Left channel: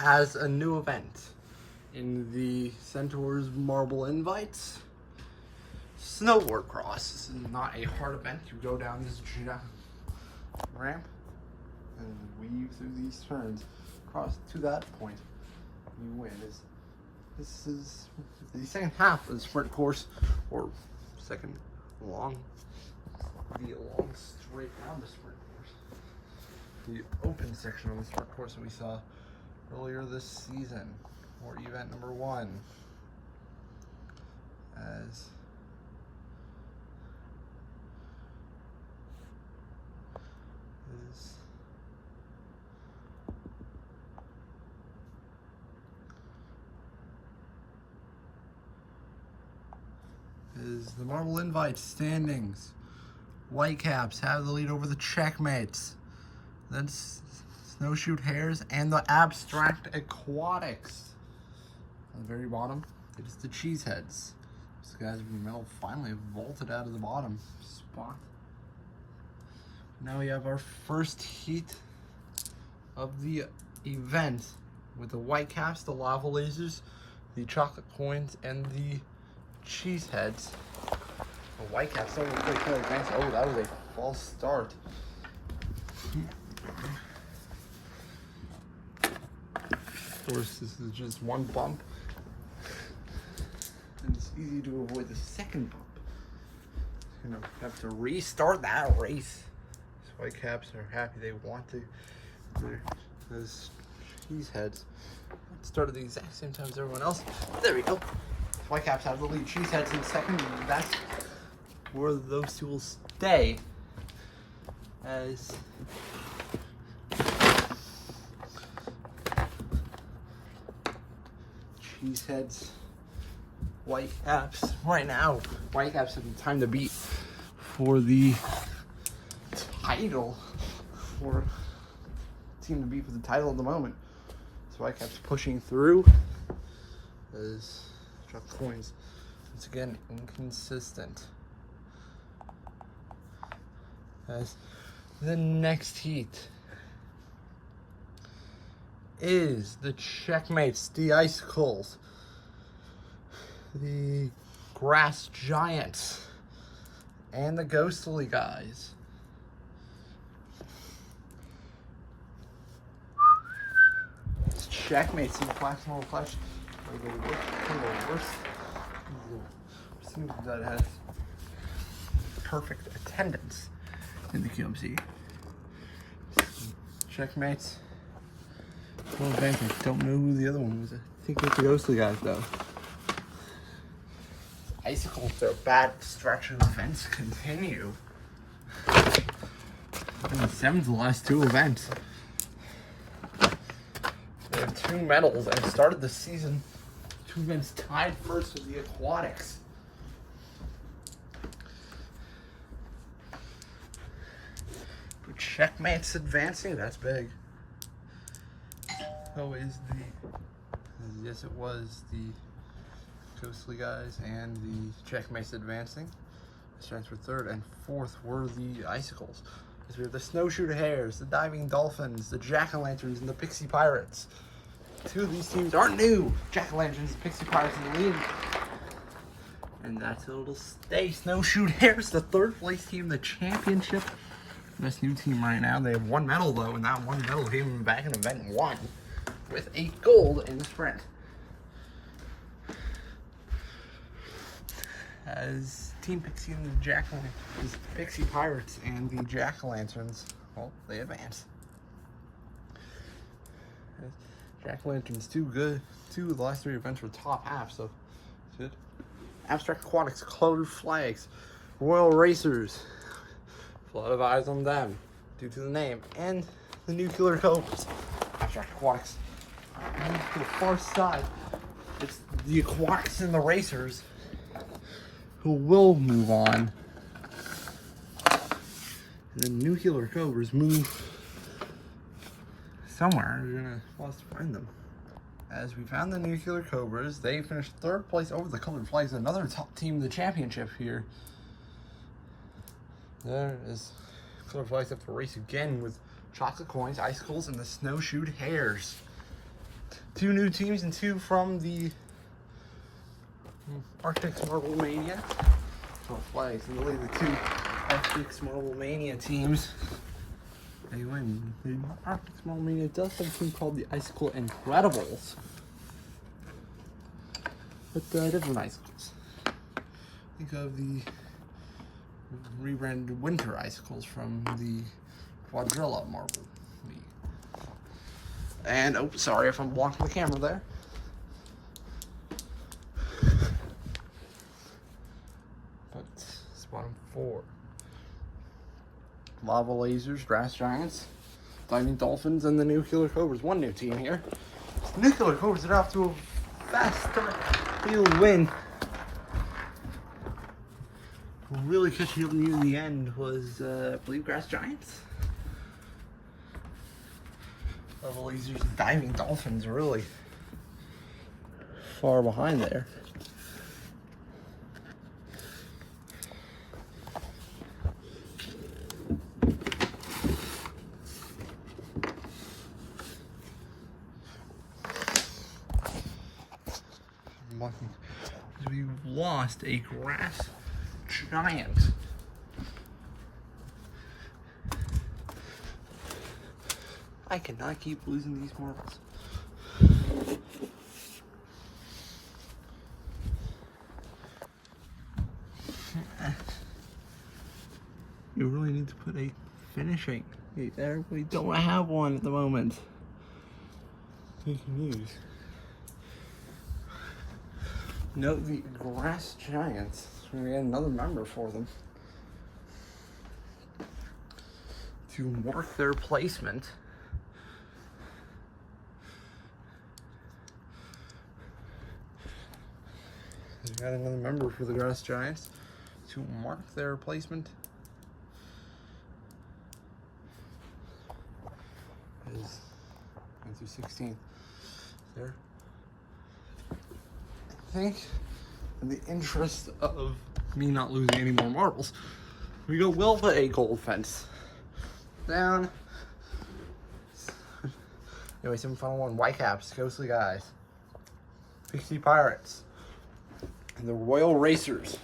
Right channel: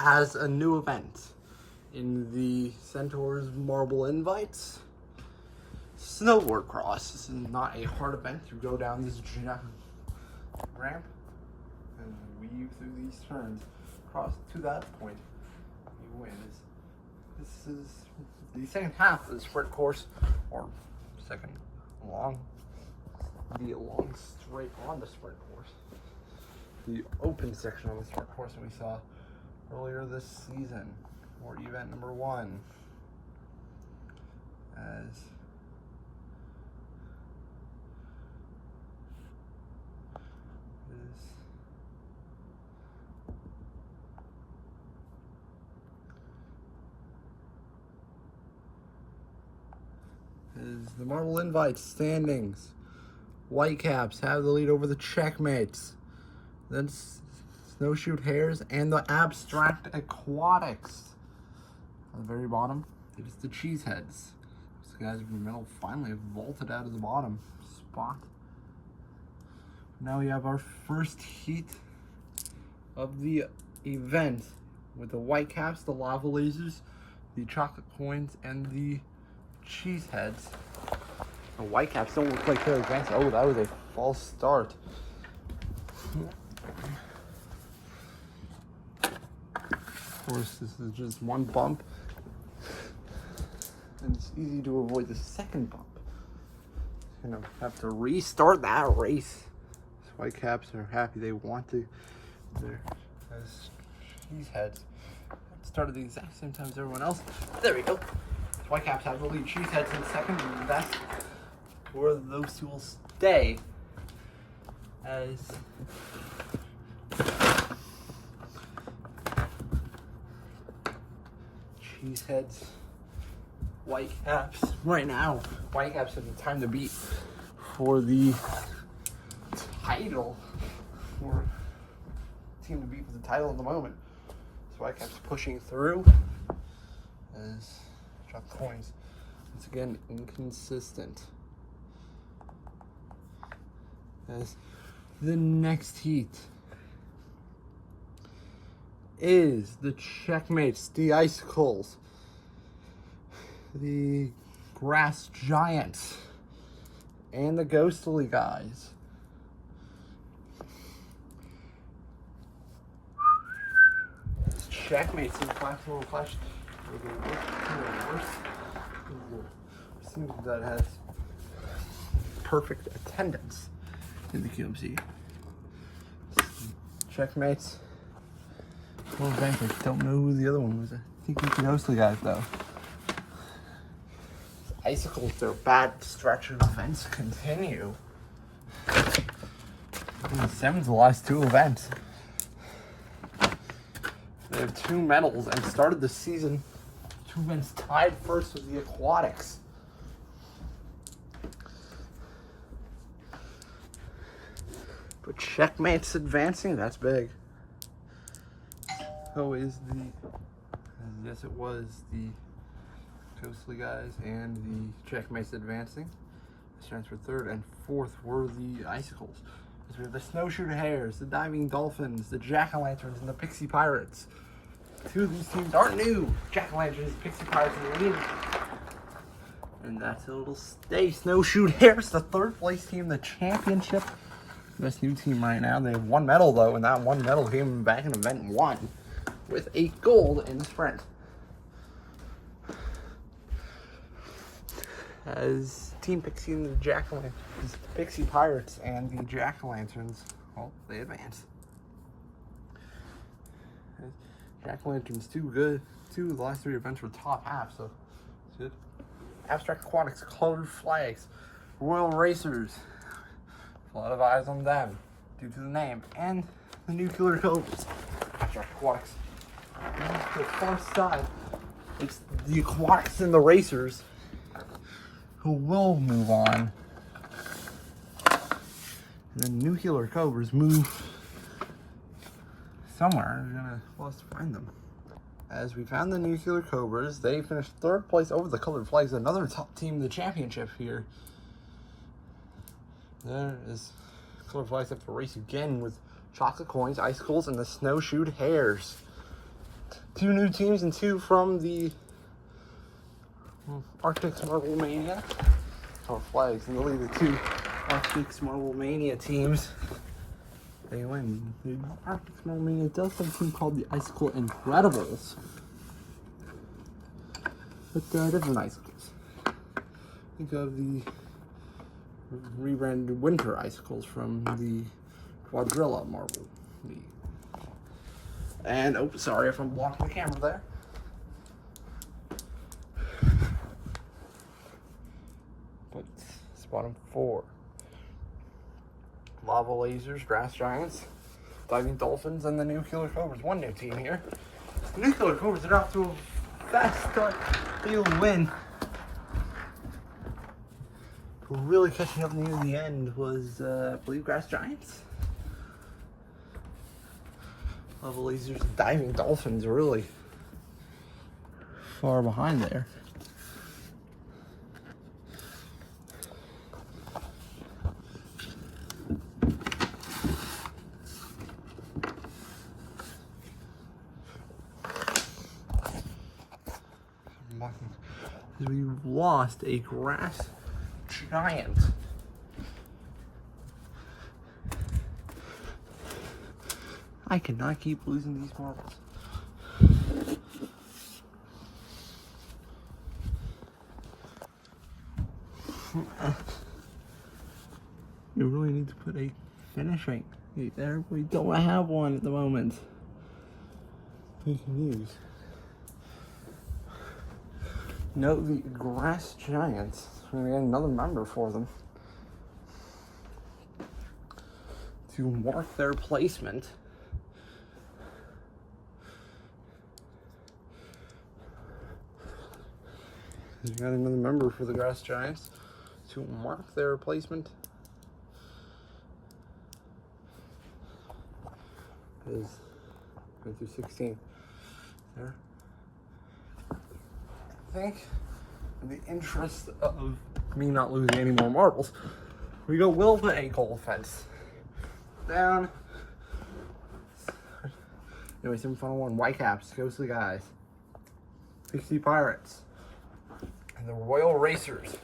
as a new event in the Centaurs Marble Invites Snowboard Cross. This is not a hard event. You go down this ramp and weave through these turns across to that point. You win. This is the second half of the sprint course, or second long, be a long straight on the sprint course. The open section of the sprint course that we saw earlier this season, or event number 1, as is the Marble Invite standings. Whitecaps have the lead over the Checkmates. Then Snowshoe Hares and the Abstract Aquatics. On the very bottom, it is the Cheeseheads. These guys finally vaulted out of the bottom spot. Now we have our first heat of the event with the Whitecaps, the Lava Lasers, the Chocolate Coins, and the Cheeseheads. The Whitecaps don't look like they're advanced. Oh, that was a false start. Of course, this is just one bump, and it's easy to avoid the second bump. Gonna have to restart that race. These Whitecaps are happy. They want to. They're as Cheeseheads started the exact same time as everyone else. There we go. Whitecaps have the lead. Cheeseheads in second, and that's where those two will stay. As Cheeseheads, Whitecaps, right now, Whitecaps have the time to beat for the title, for team to beat for the title at the moment. So Whitecaps pushing through as Drop Coins, once again, inconsistent. As the next heat is the Checkmates, the Icicles, the Grass Giants, and the Ghostly guys. Checkmates, see the flash, little flash. Seems that it has perfect attendance in the QMC. Checkmates. I don't know who the other one was. I think it's the Ghostly guys though. Icicles, their bad stretch of events continue. And 7's the last 2 events. They have 2 medals and started the season 2 events tied first with the Aquatics. But Checkmates advancing, that's big. So is yes it was the Ghostly guys and the Checkmates advancing. Starts for 3rd, and 4th were the Icicles. We have the Snowshoe Hares, the Diving Dolphins, the Jack-o'-lanterns, and the Pixie Pirates. 2 of these teams are new. Jack-o'-lanterns, Pixie Pirates in the lead. And that's how it'll stay. Snowshoe Hares, the 3rd place team in the championship. This new team right now, they have 1 medal though, and that 1 medal came back in event 1 with a gold in the sprint. As Team Pixie and the Jack-o'-lanterns, Pixie Pirates and the Jack-o'-lanterns, well, they advance. Jack-o'-lanterns too good. 2 of the last 3 events were top half, so good. Abstract Aquatics, Colored Flags, Royal Racers. A lot of eyes on them due to the name, and the Nuclear Cobras. Abstract Aquatics. And to the far side, it's the Aquatics and the Racers who will move on. And the Nuclear Cobras move somewhere. We're gonna want to find them. As we found the Nuclear Cobras, they finished 3rd place over the Colored Flags, another top team in the championship here. There is Colored Flags have to race again with Chocolate Coins, Icicles, and the Snowshoe Hares. 2 new teams and 2 from the Arctic's Marble Mania. So flags in the lead, the 2 Arctic's Marble Mania teams. They win. The Arctic's Marble Mania does have a team called the Icicle Incredibles. But different icicles. Think of the rebranded Winter Icicles from the Quadrilla Marble League. And, oh, sorry if I'm blocking the camera there. But it's bottom 4. Lava Lasers, Grass Giants, Diving Dolphins, and the Nuclear Cobras. One new team here. The Nuclear Cobras are off to a fast start. They'll win. Really catching up near the end was, I believe, Grass Giants. Lava Lasers, Diving Dolphins are really far behind there. We've lost a Grass Giant. I cannot keep losing these marbles. You really need to put a finishing there. We don't have one at the moment. We can use. Note the Grass Giants. We're gonna get another member for them to mark their placement. You got another member for the Grass Giants to mark their placement. Is going through 16th there. I think in the interest of me not losing any more marbles, we'll put a gold fence down. Anyway, semi-final 1, Whitecaps, Ghostly Guys, Pixie Pirates, and the Royal Racers.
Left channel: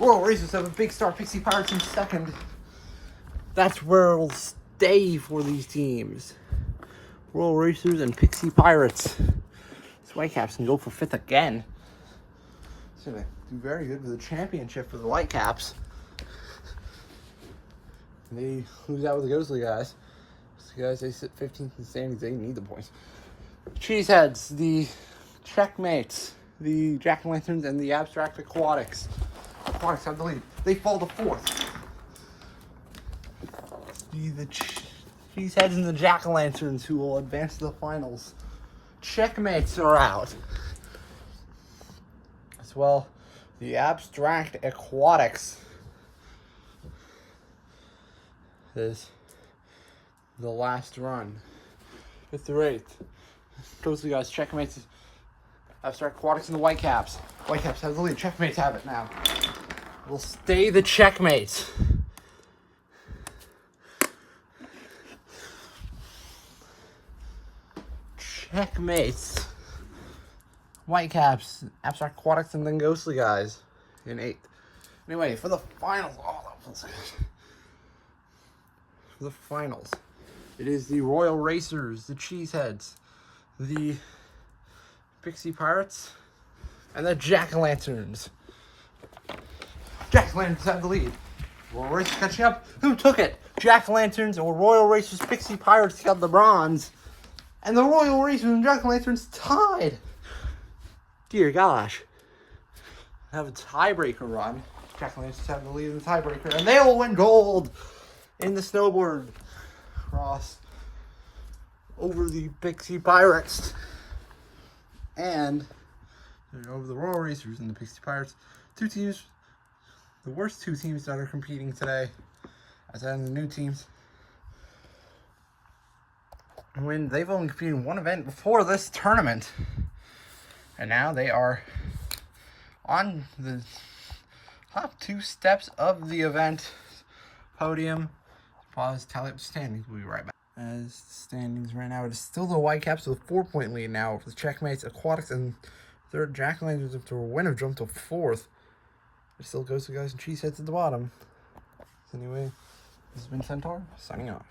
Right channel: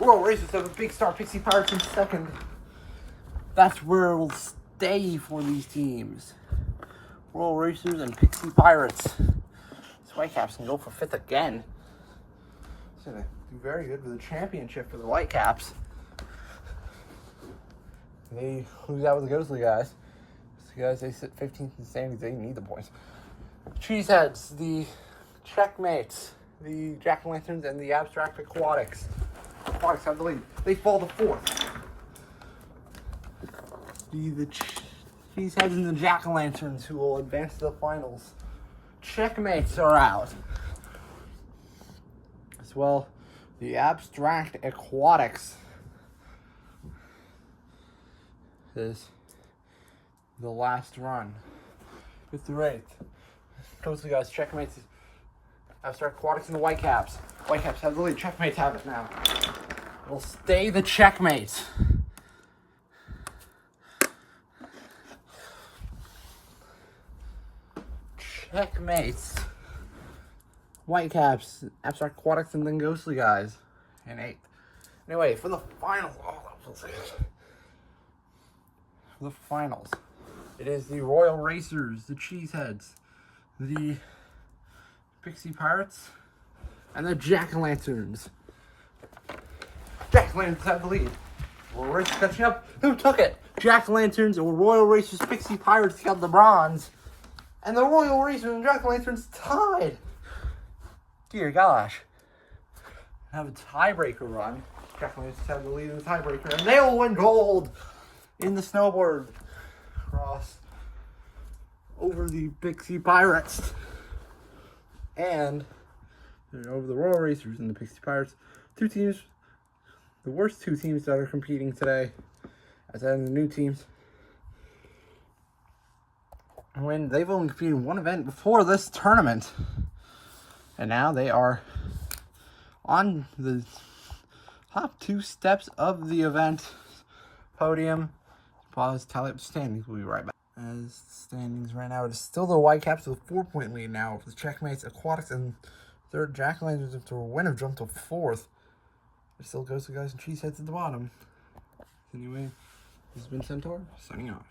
Royal Racers have a big star, Pixie Pirates in second. That's where we'll stay for these teams. Royal Racers and Pixie Pirates. These Whitecaps can go for 5th again. It's gonna do very good with the championship for the Whitecaps. They lose out with the Ghostly Guys. Ghostly Guys, they sit 15th in the standings. They need the points. Cheeseheads, the Checkmates, the Jack-o'-lanterns, and the Abstract Aquatics. Aquatics have the lead. They fall to 4th. The Cheeseheads and the Jack-o'-lanterns who will advance to the finals. Checkmates are out. As well, the Abstract Aquatics is the last run. 5th through 8th. Ghostly Guys, Checkmates, Abstract Aquatics, and the Whitecaps. Whitecaps have the lead. Checkmates have it now. It'll stay the Checkmates. Checkmates. Whitecaps, Abstract Aquatics, and then Ghostly Guys in 8th. Anyway, for the finals, for the finals, it is the Royal Racers, the Cheeseheads, the Pixie Pirates, and the Jack-o'-lanterns. Jack-o'-lanterns have the lead. Royal Racers catching up. Who took it? Jack-o'-lanterns or Royal Racers, Pixie Pirates got the bronze. And the Royal Racers and Jack-o'-lanterns tied. Dear gosh. Have a tiebreaker run. Jack-o'-lanterns have the lead in the tiebreaker. And they'll win gold in the snowboard cross over the Pixie Pirates. And over the Royal Racers and the Pixie Pirates. 2 teams, the worst 2 teams that are competing today. As in the new teams. When they've only competed in 1 event before this tournament. And now they are on the top 2 steps of the event podium. Pause, tally up the standings. We'll be right back. As standings right now, it is still the Whitecaps with a 4-point lead now for the Checkmates, Aquatics, and third. Jack-O-Lanterns up to a win have jumped to fourth. It still goes to guys and cheeseheads at the bottom. Anyway, this has been Centaur, signing off.